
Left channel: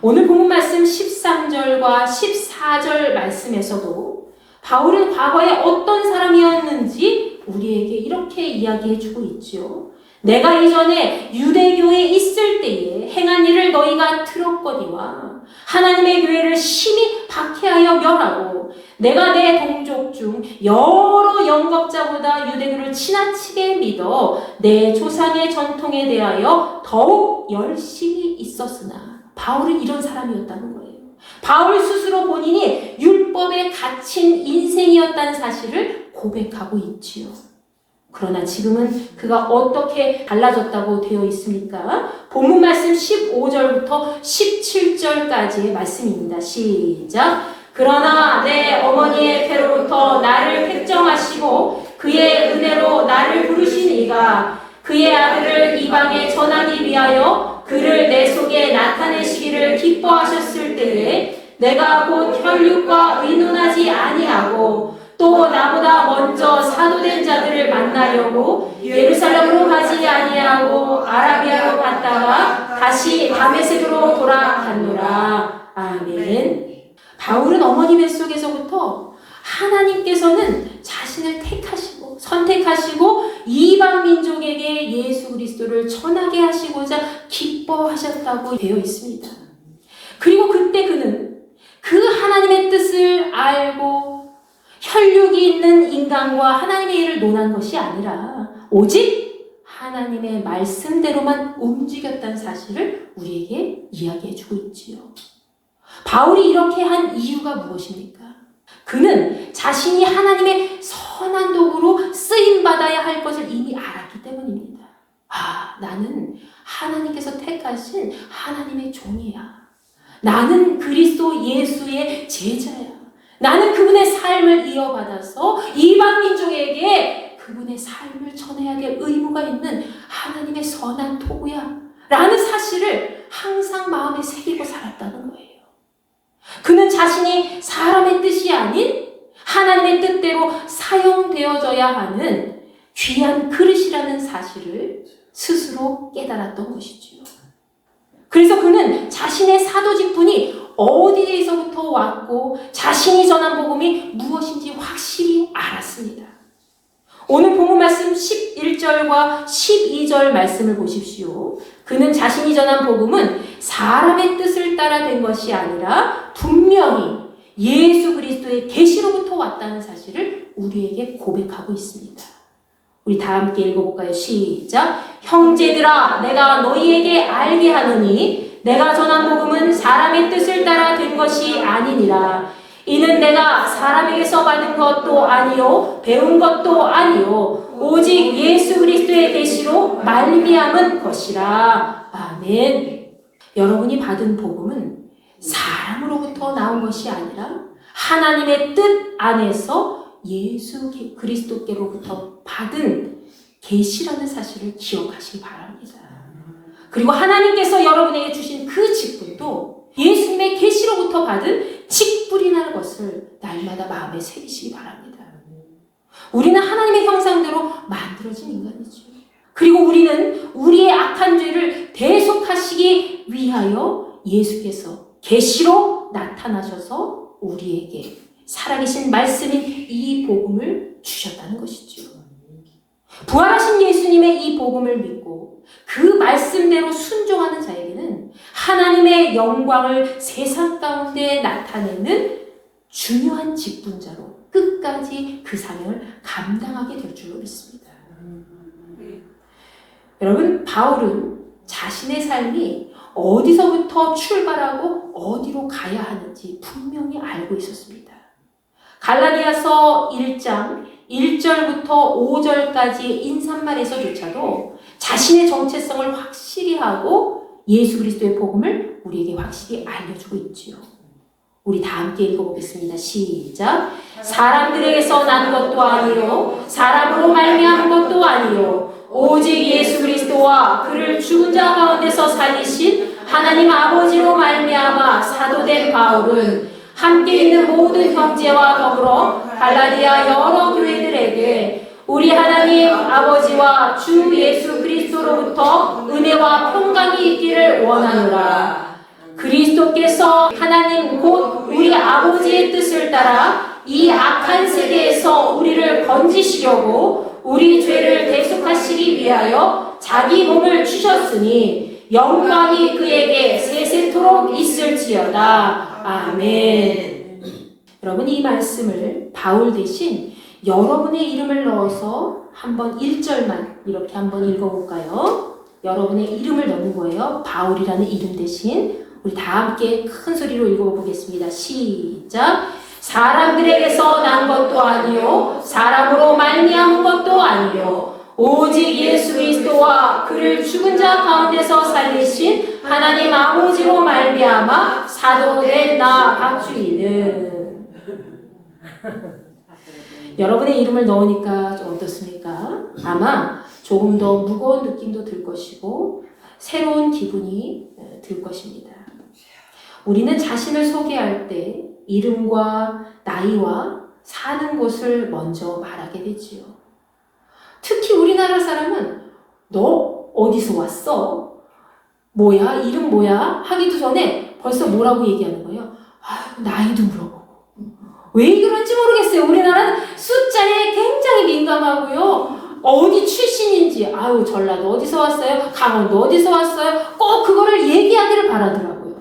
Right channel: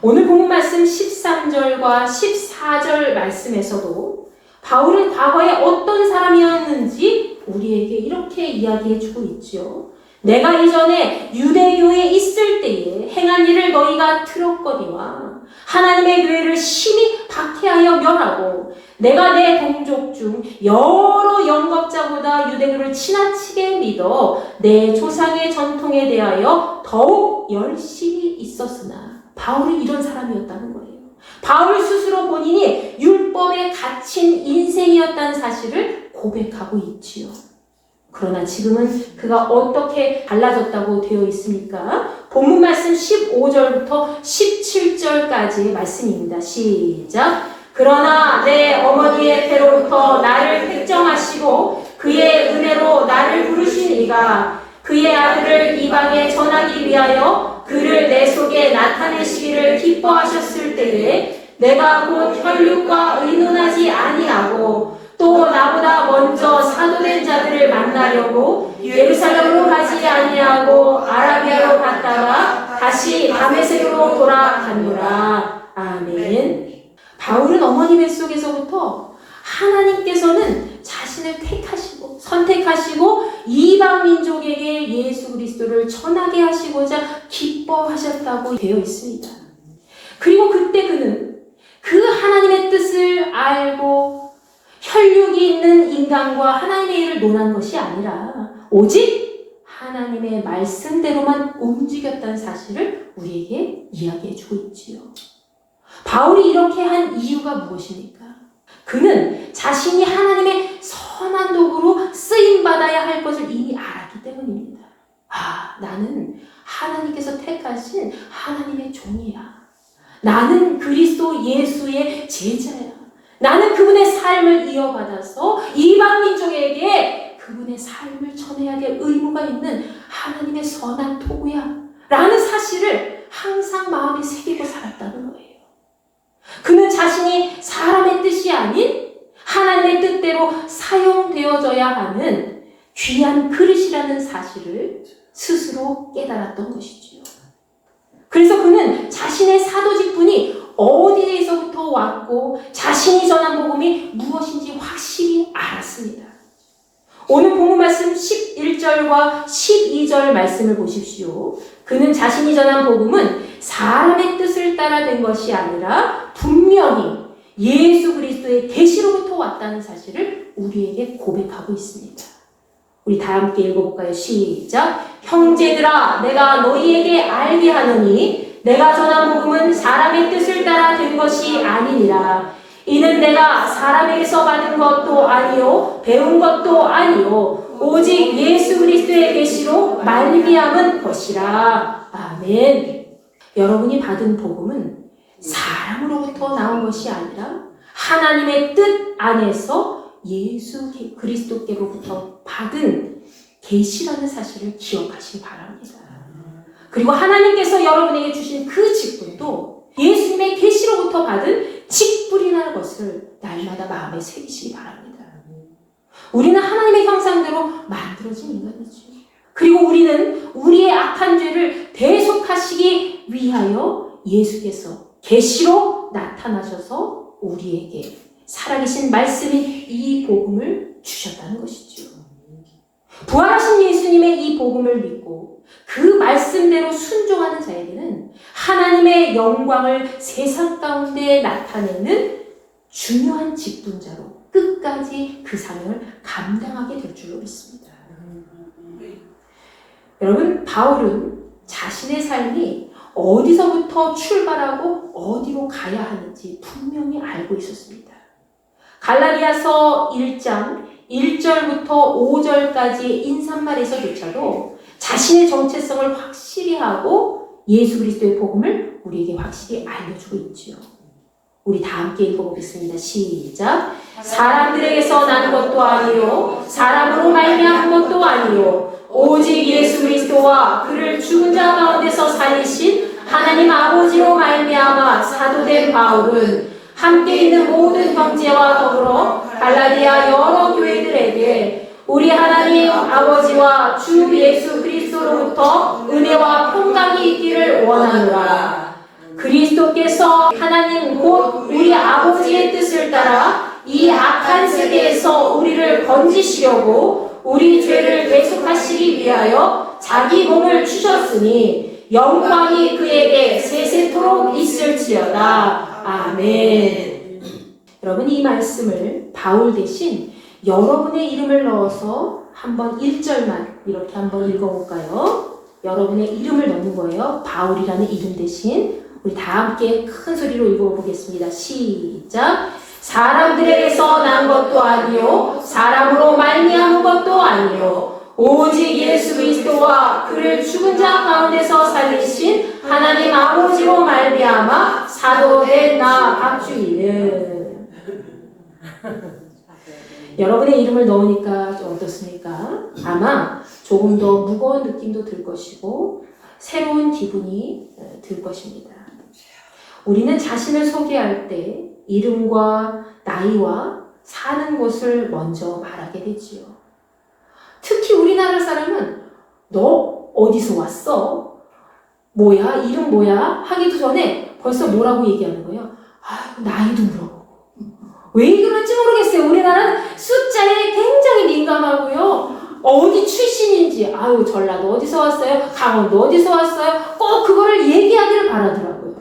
오늘 본문 말씀 13절과 14절 말씀에서도 바울은 과거에 어떤 사람이었는지 우리에게 이렇게 이야기해 주고 있죠. 내가 이전에 유대교에 있을 때에 행한 일을 너희가 들었거니와 하나님의 교회를 심히 박해하여 멸하고 내가 내 동족 중 여러 영겁자보다 유대교를 지나치게 믿어 내 조상의 전통에 대하여 더욱 열심히 있었으나 바울은 이런 사람이었다는 거예요. 바울 스스로 본인이 율법에 갇힌 인생이었다는 사실을 고백하고 있지요. 그러나 지금은 그가 어떻게 달라졌다고 되어 있습니까? 본문 말씀 15절부터 17절까지의 말씀입니다. 시작. 그러나 내 어머니의 태로부터 나를 택정하시고 그의 은혜로 나를 부르신 이가 그의 아들을 이방에 전하기 위하여 그를 내 속에 나타내시기를 기뻐하셨을 때에 내가 곧 혈육과 의논하지 아니하고 또 나보다 먼저 사도된 자들을 만나려고 예루살렘으로 가지 아니하고 아라비아로 갔다가 다시 다메섹으로 돌아갔노라. 아멘. 바울은 어머니 뱃속에서부터 하나님께서는 자신을 택하시고 선택하시고 이방 민족에게 예수 그리스도를 전하게 하시고자 기뻐하셨다고 되어 있습니다. 그리고 그때 그는 그 하나님의 뜻을 알고 혈육이 있는 인간과 하나님의 일을 논한 것이 아니라 오직 하나님의 말씀대로만 움직였다는 사실을 우리에게 이야기해 주고 있지요. 바울이 이렇게 한 이유가 무엇입니까? 그는 자신이 하나님의 선한 도구로 쓰임받아야 할 것을 이미 알았기 때문입니다. 나는 하나님께서 택하신 하나님의 종이야. 나는 그리스도 예수의 제자야. 나는 그분의 삶을 이어받아서 이방 민족에게 그분의 삶을 전해야 될 의무가 있는 하나님의 선한 도구야. 라는 사실을 항상 마음에 새기고 살았다는 거예요. 그는 자신이 사람의 뜻이 아닌 하나님의 뜻대로 사용되어져야 하는 귀한 그릇이라는 사실을 스스로 깨달았던 것이지요. 그래서 그는 자신의 사도 직분이 어디에서부터 왔고 자신이 전한 복음이 무엇인지 확실히 알았습니다. 오늘 본문 말씀 11절과 12절 말씀을 보십시오. 그는 자신이 전한 복음은 사람의 뜻을 따라 된 것이 아니라 분명히 예수 그리스도의 계시로부터 왔다는 사실을 우리에게 고백하고 있습니다. 우리 다 함께 읽어볼까요? 시작. 형제들아, 내가 너희에게 알게 하노니 내가 전한 복음은 사람의 뜻을 따라 된 것이 아니니라. 이는 내가 사람에게서 받은 것도 아니요 배운 것도 아니요 오직 예수 그리스도의 계시로 말미암은 것이라. 아멘. 여러분이 받은 복음은 사람으로부터 나온 것이 아니라 하나님의 뜻 안에서 예수 그리스도께로부터 받은 계시라는 사실을 기억하시기 바랍니다. 그리고 하나님께서 여러분에게 주신 그 직분도 예수님의 계시로부터 받은 직분이라는 것을 날마다 마음에 새기시기 바랍니다. 우리는 하나님의 형상대로 만들어진 인간이죠. 그리고 우리는 우리의 악한 죄를 대속하시기 위하여 예수께서 계시로 나타나셔서 우리에게 살아계신 말씀인 이 복음을 주셨다는 것이죠. 부활하신 예수님의 이 복음을 믿고 그 말씀대로 순종하는 자에게는 하나님의 영광을 세상 가운데 나타내는 중요한 직분자로 끝까지 그 사명을 감당하게 될 줄로 믿습니다. 여러분, 바울은 자신의 삶이 어디서부터 출발하고 어디로 가야 하는지 분명히 알고 있었습니다. 갈라디아서 1장 1절부터 5절까지의 인사말에서조차도 자신의 정체성을 확실히 하고 예수 그리스도의 복음을 우리에게 확실히 알려주고 있지요. 우리 다 함께 읽어보겠습니다. 시작. 사람들에게서 난 것도 아니요 사람으로 말미암은 것도 아니요 오직 예수 그리스도와 그를 죽은 자 가운데서 살리신 하나님 아버지로 말미암아 사도된 바울은 함께 있는 모든 형제와 더불어 갈라디아 여러 교회들에게 우리 하나님 아버지와 주 예수 그리스도로부터 은혜와 평강이 있기를 원하노라. 그리스도께서 하나님 곧 우리 아버지의 뜻을 따라 이 악한 세계에서 우리를 건지시려고 우리 죄를 대속하시기 위하여 자기 몸을 주셨으니 영광이 그에게 세세토록 있을지어다. 아멘. 여러분, 이 말씀을 바울 대신 여러분의 이름을 넣어서 한번 1절만 이렇게 한번 읽어볼까요? 여러분의 이름을 넣는 거예요. 바울이라는 이름 대신. 우리 다 함께 큰 소리로 읽어보겠습니다. 시작. 사람들에게서 난 것도 아니요 사람으로 말미암은 것도 아니요 오직 예수 그리스도와 그를 죽은 자 가운데서 살리신 하나님 아버지로 말미암아 사도된 나 박주희는. 여러분의 이름을 넣으니까 좀 어떻습니까? 아마 조금 더 무거운 느낌도 들 것이고 새로운 기분이 들 것입니다. 우리는 자신을 소개할 때 이름과 나이와 사는 곳을 먼저 말하게 되지요. 특히 우리나라 사람은 너 어디서 왔어? 뭐야? 이름 뭐야? 하기도 전에 벌써 뭐라고 얘기하는 거예요? 아유, 나이도 물어보고. 왜 그런지 모르겠어요. 우리나라는 숫자에 굉장히 민감하고요. 어디 출신인지, 아유, 전라도 어디서 왔어요? 강원도 어디서 왔어요? 꼭 그거를 얘기하기를 바라더라고요.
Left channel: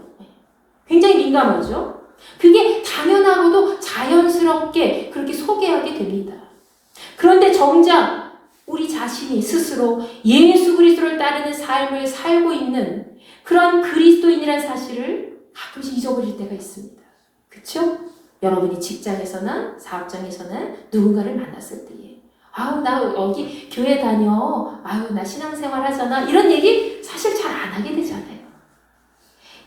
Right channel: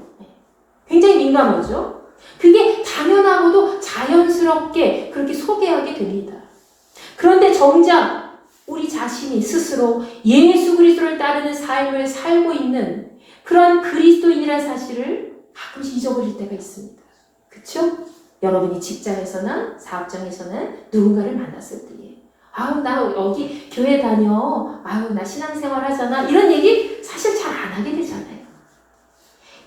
굉장히 민감하죠? 그게 당연하고도 자연스럽게 그렇게 소개하게 됩니다. 그런데 정작 우리 자신이 스스로 예수 그리스도를 따르는 삶을 살고 있는 그런 그리스도인이라는 사실을 가끔씩 잊어버릴 때가 있습니다. 그렇죠? 여러분이 직장에서나 사업장에서나 누군가를 만났을 때에 아우 나 여기 교회 다녀, 아우 나 신앙생활 하잖아, 이런 얘기 사실 잘 안 하게 되잖아요.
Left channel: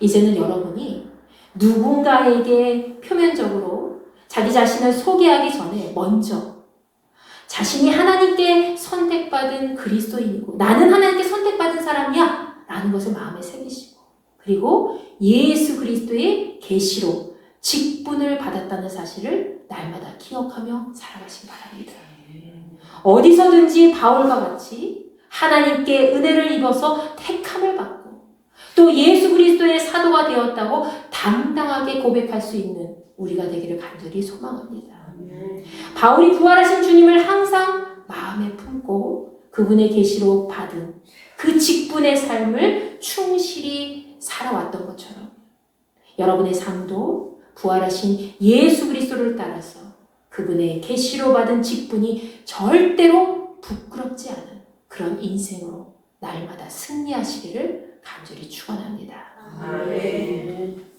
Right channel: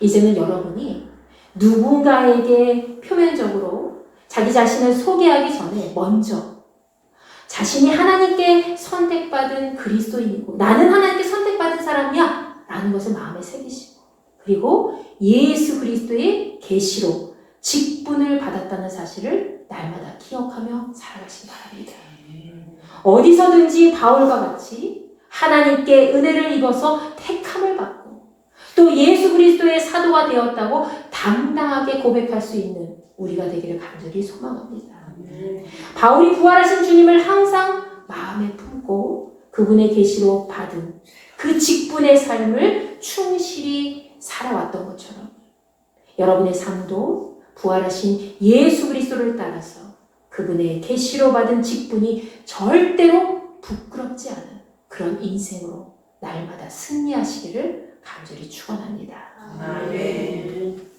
이제는 여러분이 누군가에게 표면적으로 자기 자신을 소개하기 전에 먼저 자신이 하나님께 선택받은 그리스도인이고 나는 하나님께 선택받은 사람이야 라는 것을 마음에 새기시고, 그리고 예수 그리스도의 계시로 직분을 받았다는 사실을 날마다 기억하며 살아가시기 바랍니다. 어디서든지 바울과 같이 하나님께 은혜를 입어서 택함을 받고 또 예수 그리스도의 사도가 되었다고 당당하게 고백할 수 있는 우리가 되기를 간절히 소망합니다. 바울이 부활하신 주님을 항상 마음에 품고 그분의 계시로 받은 그 직분의 삶을 충실히 살아왔던 것처럼 여러분의 삶도 부활하신 예수 그리스도를 따라서 그분의 계시로 받은 직분이 절대로 부끄럽지 않은 그런 인생으로 날마다 승리하시기를 간절히 축원합니다. 아멘.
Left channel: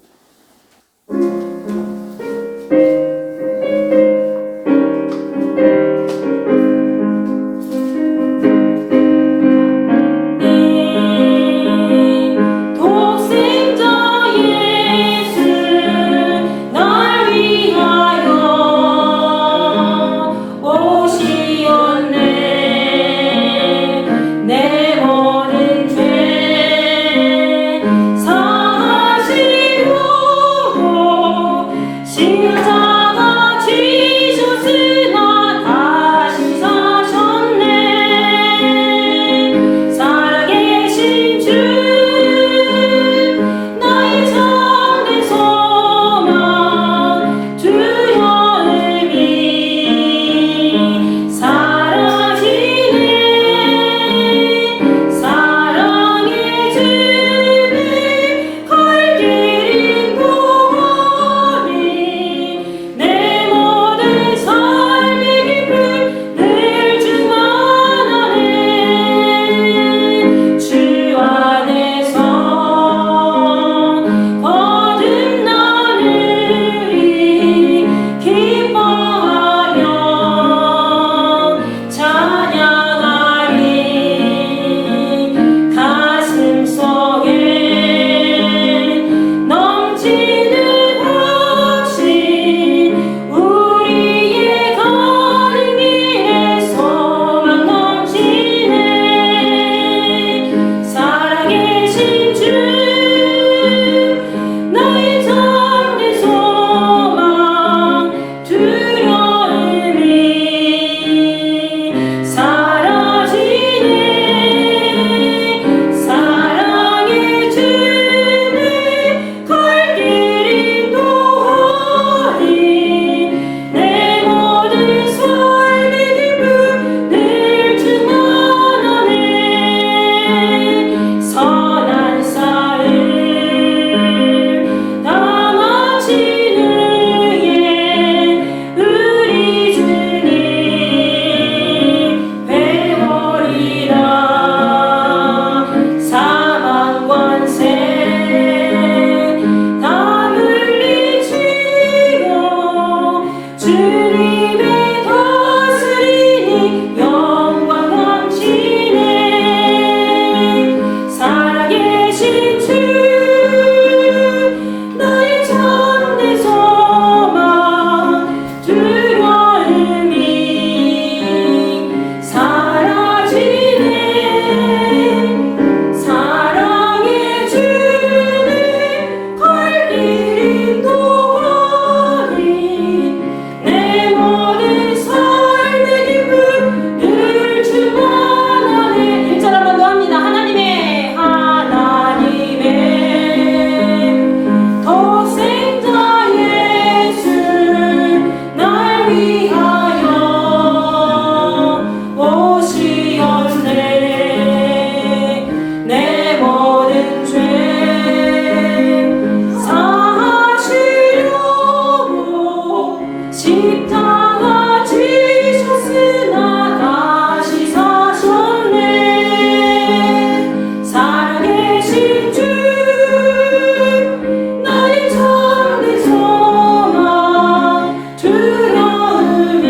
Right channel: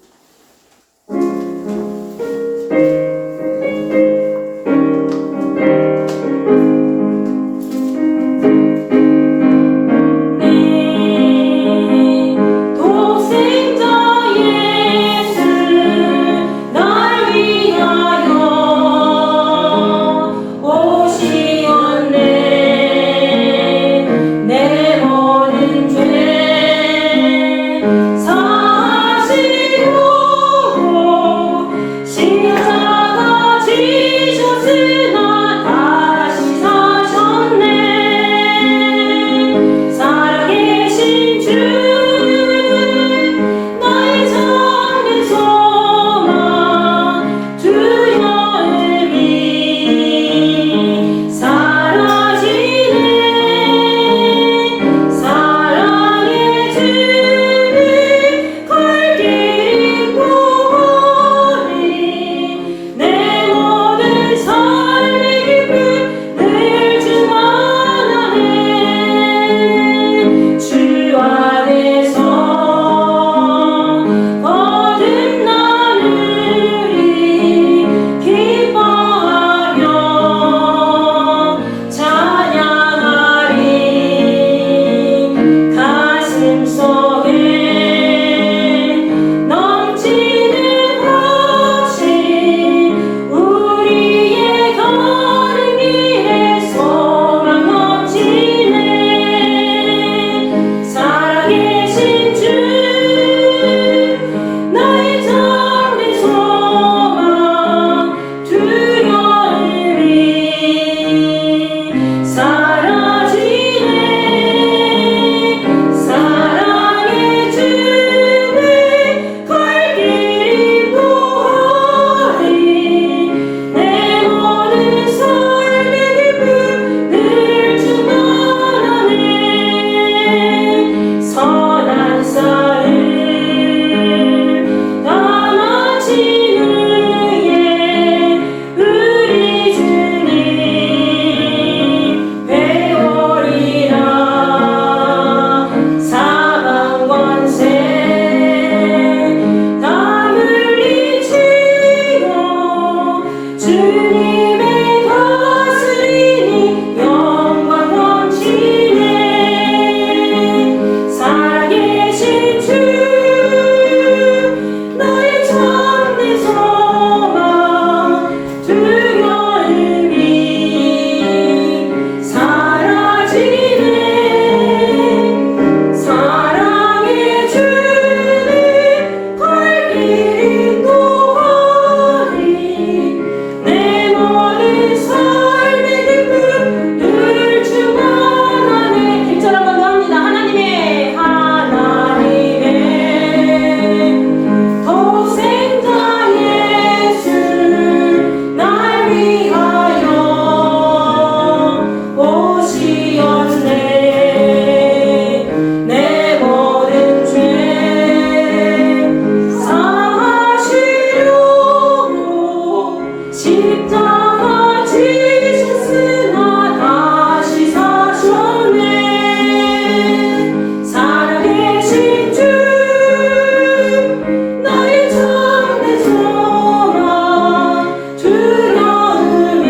주님의 다스리니 영광 넘치네. 살아계신 주 나의 참된 소망 두려움이 사라지네. 사랑의 주님 갈 길이 또하니 내 모든 삶의 기쁨 늘 충만하네. 일절 한번 더 합니다. 하나님의 독생자 예수 날 위하여 오시었네. 내 모든 죄 사하시려고 십자가 지셨으나 다시 사셨네. 살아계신 주 나의 참된 소망 두려움이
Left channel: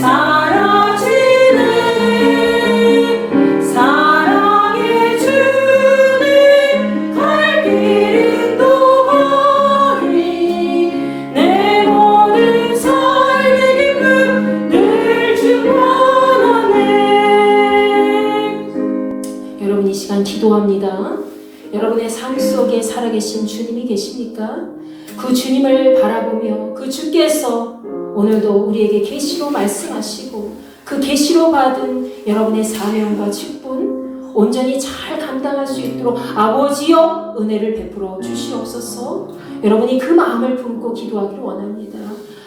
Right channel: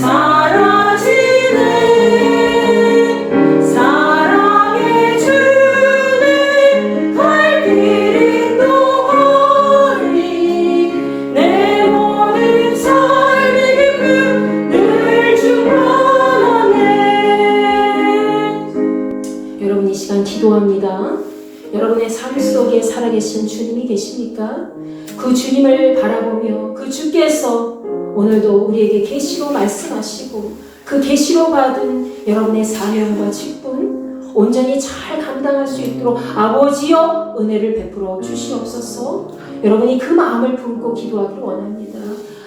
사라지네. 사랑의 주님 갈 길이 또하니 내 모든 삶의 기쁨 늘 충만하네. 여러분 이 시간 기도합니다. 여러분의 삶 속에 살아계신 주님이 계십니까? 그 주님을 바라보며 그 주께서 오늘도 우리에게 계시로 말씀하시고 그 계시로 받은 여러분의 사명과 직분 온전히 잘 감당할 수 있도록 아버지여 은혜를 베풀어 주시옵소서. 여러분이 그 마음을 품고 기도하기를 원합니다.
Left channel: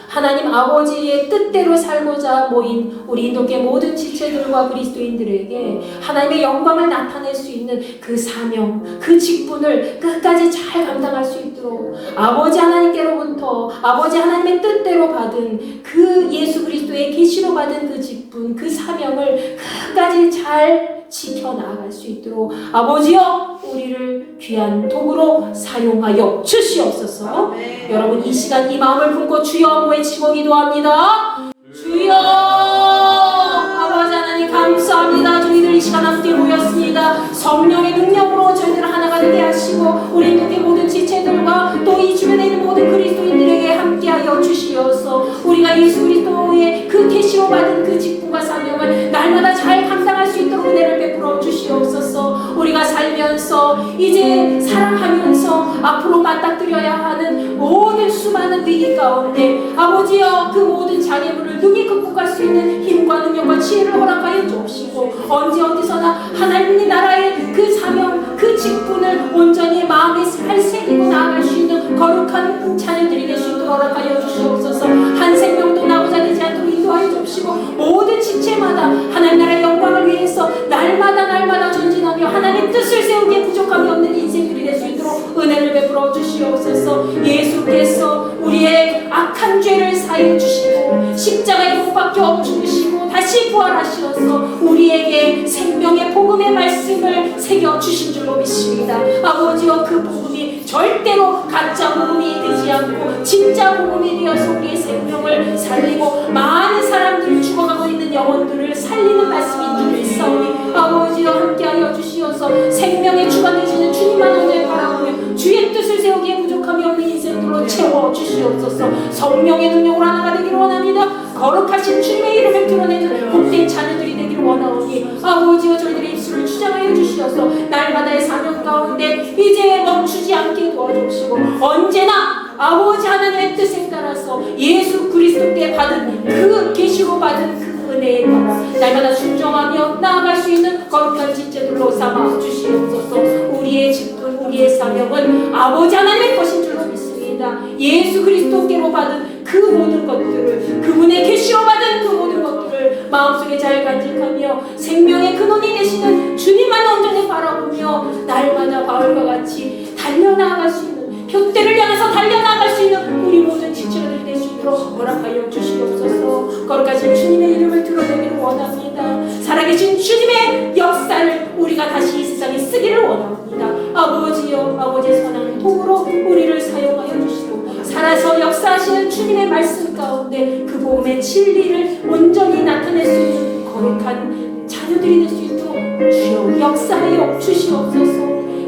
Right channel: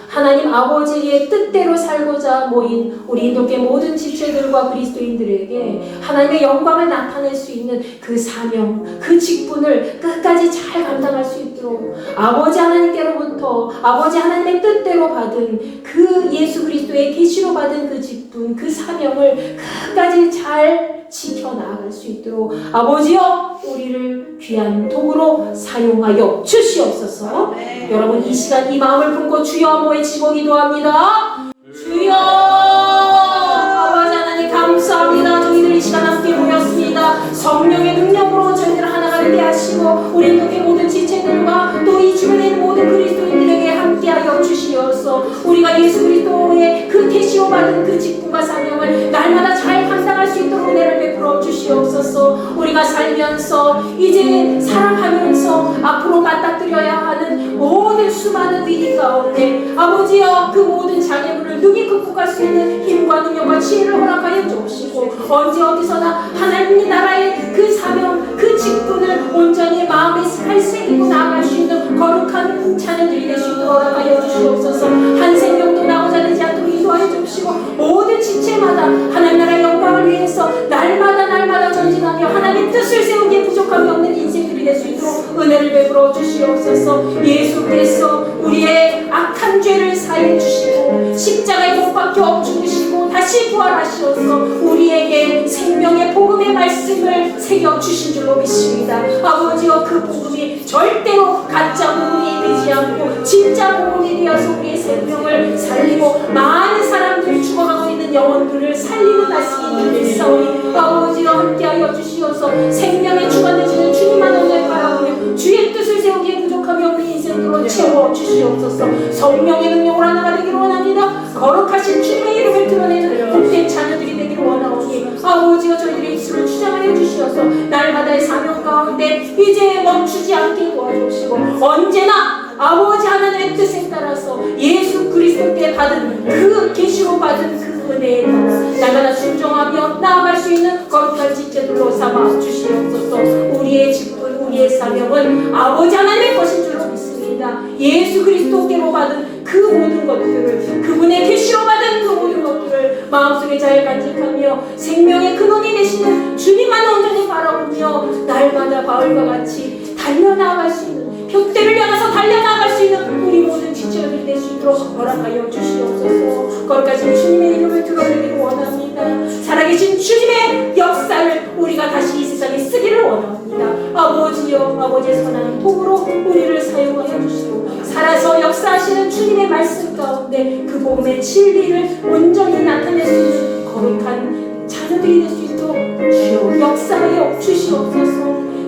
하나님 아버지의 뜻대로 살고자 모인 우리 인도계 모든 지체들과 그리스도인들에게 하나님의 영광을 나타낼 수 있는 그 사명, 그 직분을 끝까지 잘 감당할 수 있도록 아버지 하나님께로부터 아버지 하나님의 뜻대로 받은 그 예수 그리스도의 계시로 받은 그 직분, 그 사명을 끝까지 잘 지켜나갈 수 있도록 아버지여 우리를 귀한 도구로 사용하여 주시옵소서. 여러분 이 시간 이 마음을 품고 주여 한번 외치고 기도합니다. 주여 아버지 하나님 감사합니다. 저희들 이 시간 함께 모였습니다. 성령의 능력으로 저희들 하나가 되게 하시고 우리 인도의 모든 지체들과 또 이 주변에 있는 모든 그리스도인들에게 함께하여 주시어서 우리가 예수 그리스도의 그 계시로 받은 그 직분과 사명을 날마다 잘 감당할 수 있도록 은혜를 베풀어 주시옵소서. 우리가 살면서 이제 살아가면서 앞으로 맞닥뜨려야 하는 모든 수많은 위기 가운데 아버지여 그 모든 장애물을 능히 극복할 수 있는 힘과 능력과 지혜를 허락하여 주시고 언제 어디서나 하나님 나라의 그 사명 그 직분을 온전히 마음에 잘 새기고 나아갈 수 있는 거룩한 자녀들이 될 수 있도록 허락하여 주시옵소서. 한 생명도 나오자 되지 않도록 인도하여 주시고 모든 지체마다 하나님 나라의 영광을 위해서 날마다 전진하며 하나님 뜻을 세우기에 부족함이 없는 인생들이 될 수 있도록 은혜를 베풀어 주시옵소서. 예수께서 우리의 악한 죄를 사해 주시고 십자가에 못 박혀 죽으시고 다시 부활하시어서 우리에게 생명의 복음의 말씀을 새겨 주신 줄로 믿습니다. 아버지여 그 복음이 절대로 가짜 복음이 되지 않고 진짜 복음이 되어서 우리의 생명을 살리고 많은 사람들이 죽어가고 있는 영혼들을 살리는 말씀인 줄 믿사오니 아버지여 함께하여 주시어서 생명의 주가 되시는 주님만 오늘 바라보며 주의 뜻을 세우기에 부족함이 없는 인생으로 채워 주시옵소서. 성령의 능력으로 하나가 되기를 원합니다. 거룩하신 주님의 이름을 드러내는 복된 자녀들이 되기를 원하오니 아버지여 저희들의 입술을 주장하여 주시어서 날마다의 사명 가운데 이제 멈추지 않게 도와주시고 언제나 아버지 하나님의 뜻에 따라서 예수 그리스도께 받은 그 계시로 받은 그 은혜에 따라 날마다 순종하며 나아갈 수 있는 거룩한 지체들로 삼아 주시옵소서. 우리의 직분 우리의 사명은 아버지 하나님의 것인 줄로 믿습니다. 예수 그리스도께로 받은 그 모든 것들을 그분의 계시로 받은 그 모든 것들을 마음속에 잘 간직하며 생명의 근원이 되시는 주님만 온전히 바라보며 날마다 바울과 같이 달려나갈 수 있는 벽대를 향해서 달려나갈 수 있는 우리 모든 지체들이 될 수 있도록 허락하여 주시옵소서. 거룩하신 주님의 이름을 드러내기를 원합니다. 살아계신 주님의 역사를 우리가 다시 이 세상에 쓰기를 원합니다. 아버지여 아버지의 선한 도구로 우리를 사용하여 주시고 살아서 역사하시는 주님 예수님의 말씀 가운데 그 복음의 진리를 온전히 나타낼 수 있는 거룩한 자녀들이 될 수 있도록 주여 역사하여 주시옵소서.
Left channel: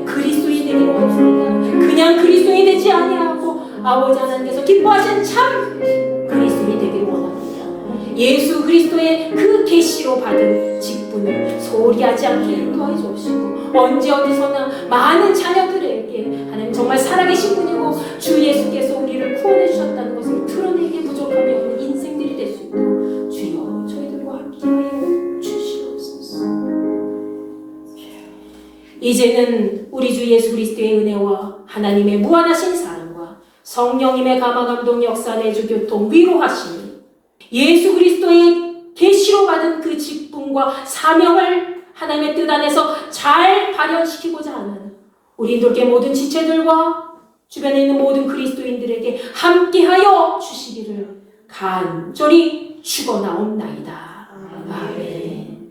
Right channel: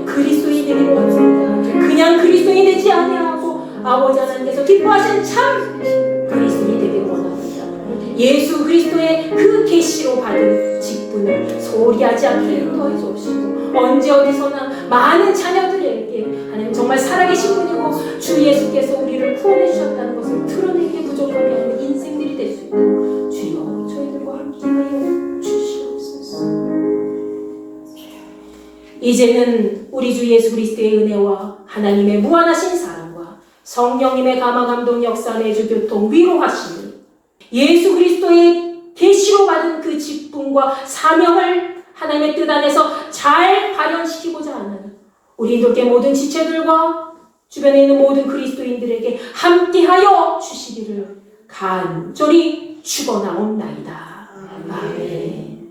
그리스도인이 되기를 원합니다. 그냥 그리스도인이 되지 아니하고 아버지 하나님께서 기뻐하시는 참 그리스도인이 되기를 원합니다. 예수 그리스도의 그 계시로 받은 직분을 소홀히 하지 않게 인도해 주옵시고 언제 어디서나 많은 자녀들에게 하나님 정말 살아계신 분이고 주 예수께서 우리를 구원해 주셨다는 것을 드러내기에 부족함이 없는 인생들이 될 수 있도록 주여 저희들과 함께하여 주시옵소서. 이제는 우리 주 예수 그리스도의 은혜와 하나님의 무한하신 사랑과 성령님의 감화감동 역사 내주 교통 위로하심을 예수 그리스도의 계시로 받은 그 직분과 사명을 하나님의 뜻 안에서 잘 발현시키고자 하는 우리 인도계 모든 지체들과 주변에 있는 모든 그리스도인들에게 함께하여 주시기를 간절히 축원하옵나이다. 아멘.